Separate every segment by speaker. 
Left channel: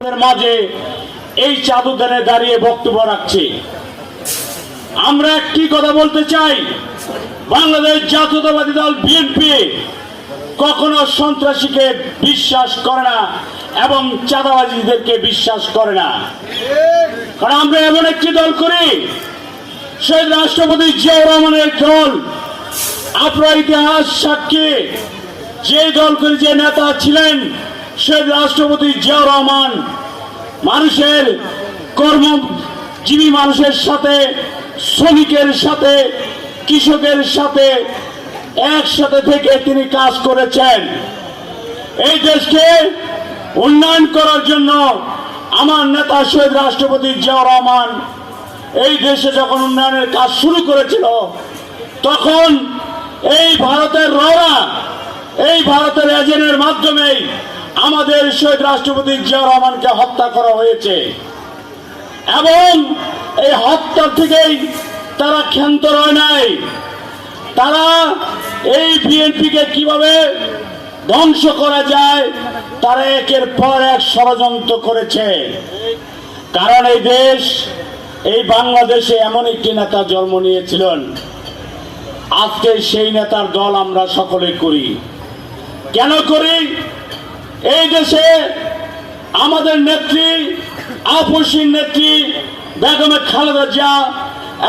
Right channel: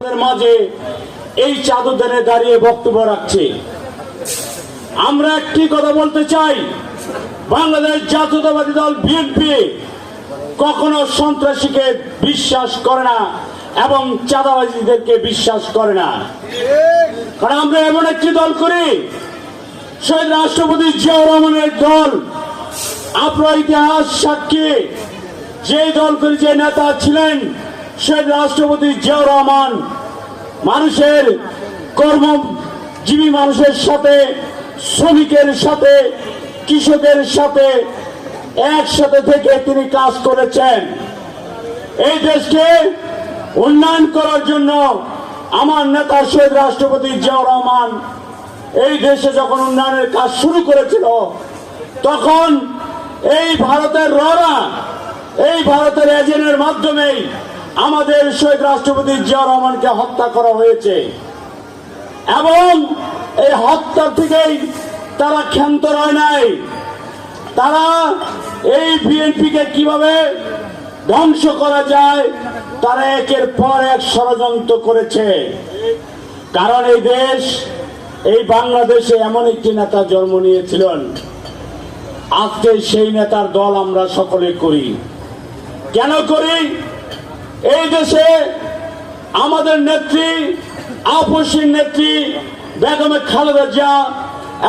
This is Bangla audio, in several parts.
Speaker 1: মাঝে এই চাদুদানে দাঁড়িয়ে বক্তব্য রাখছি। আমরা একটি কথা বলতে চাই, বাংলাদেশ জাতীয়তাবাদী দল বিএনপি কখনো সন্ত্রাসীকে বিশ্বাস করে না এবং চাঁদাবাজিদেরকে বিশ্বাস করে না। কারণ আমরা এমন একটি দল করি, শহীদ রাষ্ট্রপতি জিয়াউর রহমানের দল, আপনার ইতিহাস সাক্ষী যে দল করে যে নেতা ছিলেন শহীদ রাষ্ট্রপতি জিয়াউর রহমান মানুষের কর্মজীবী মানুষের সাথে, শ্রমিকের সাথে, কৃষকের সাথে একসাথে থেকে তিনি কাজ করেছেন। এই দেশকে উন্নয়ন করার জন্য আমার নেতা শহীদ রাষ্ট্রপতি জিয়াউর রহমান এই দেশে যখন উন্নয়নের কাজ শুরু করেছিল, তখন এই ভারতের ররা, এই ভারতের এজেন্টের মাধ্যমেই আমাদের শহীদ রাষ্ট্রপতি জিয়া রহমানকে হত্যা করা হয়েছে। এবং এই হত্যা থেকেই তারা ক্ষান্ত রয় নাই। তারা এই বিএনপিকে কীভাবে ধ্বংস করা যায়, তারা একের পর এক ষড়যন্ত্র করেছে। কারণ এই দেশ, এই বাংলাদেশে এমন একটি নেতা জন্ম নিয়েছিলেন। আজকে সেই নেতার দল আমরা সকলে করি। কেন করি? এই দেশে আমাদের নেত্রী আপসীর নেত্রী বেগমে খালেদা জিয়া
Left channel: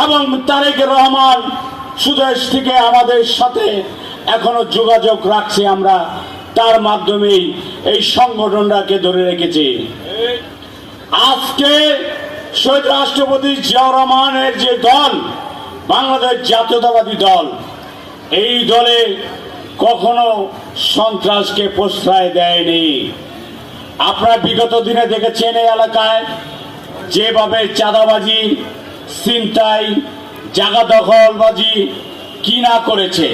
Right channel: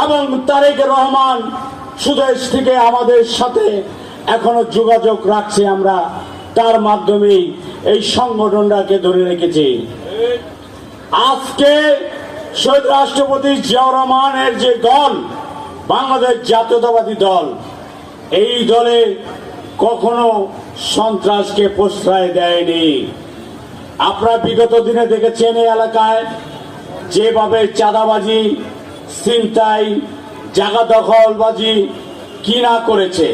Speaker 1: এবং তারেক রহমান সুদেশ থেকে আমাদের সাথে এখনও যোগাযোগ রাখছি আমরা। তার মাধ্যমেই এই সংগঠনটাকে ধরে রেখেছি। আজকে শহীদ রাষ্ট্রপতি জিয়াউর রহমানের যে দল, বাংলাদেশ জাতীয়তাবাদী দল, এই দলে কখনো সন্ত্রাসকে প্রশ্রয় দেয়নি। আপনারা বিগত দিনে দেখেছেন এই এলাকায় যেভাবে চাঁদাবাজি, ছিনতাই জায়গা দখলবাজি কি না করেছে।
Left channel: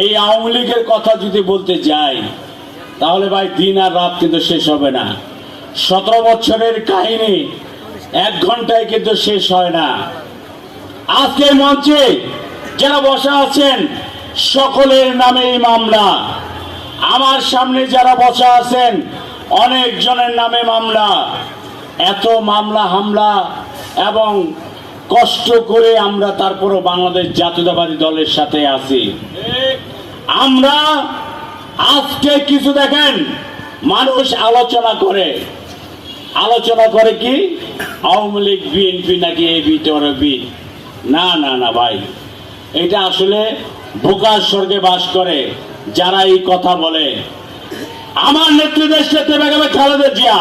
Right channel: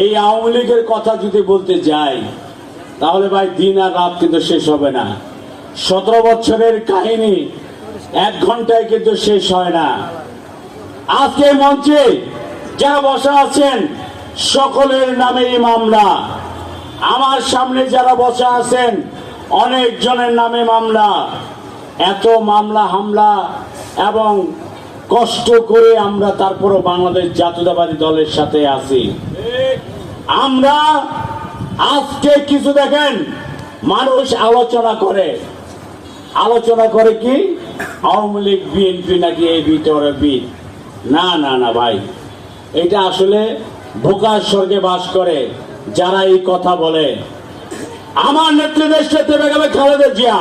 Speaker 1: এই আওয়ামী লীগের কথা যদি বলতে যাই, তাহলে ভাই দিন আর রাত কিন্তু শেষ হবে না। সতেরো বছরের কাহিনী এক ঘন্টায় কিন্তু শেষ হয় না। আজকে মঞ্চে যারা বসা আছেন সকলের নামে এই মামলা। আমার সামনে যারা বসা আছেন অনেক জনের নামে মামলা। এত মামলা, হামলা এবং কষ্ট করে আমরা তারপরও বাংলাদেশ জাতীয়তাবাদী দলের সাথে আছি। আমরা আজকে কিছু দেখেন, মানুষ আলোচনা করে। আলোচনা করে কি? আওয়ামী লীগ, বিএনপি নাকি ভিতরে বিট না না না, ভাই। এটা আসলে বোকার স্বর্গে বাস করে, যারা এই কথা বলে। আমার নেত্রী দেশ নেত্রী বেগমে খালেদা জিয়া।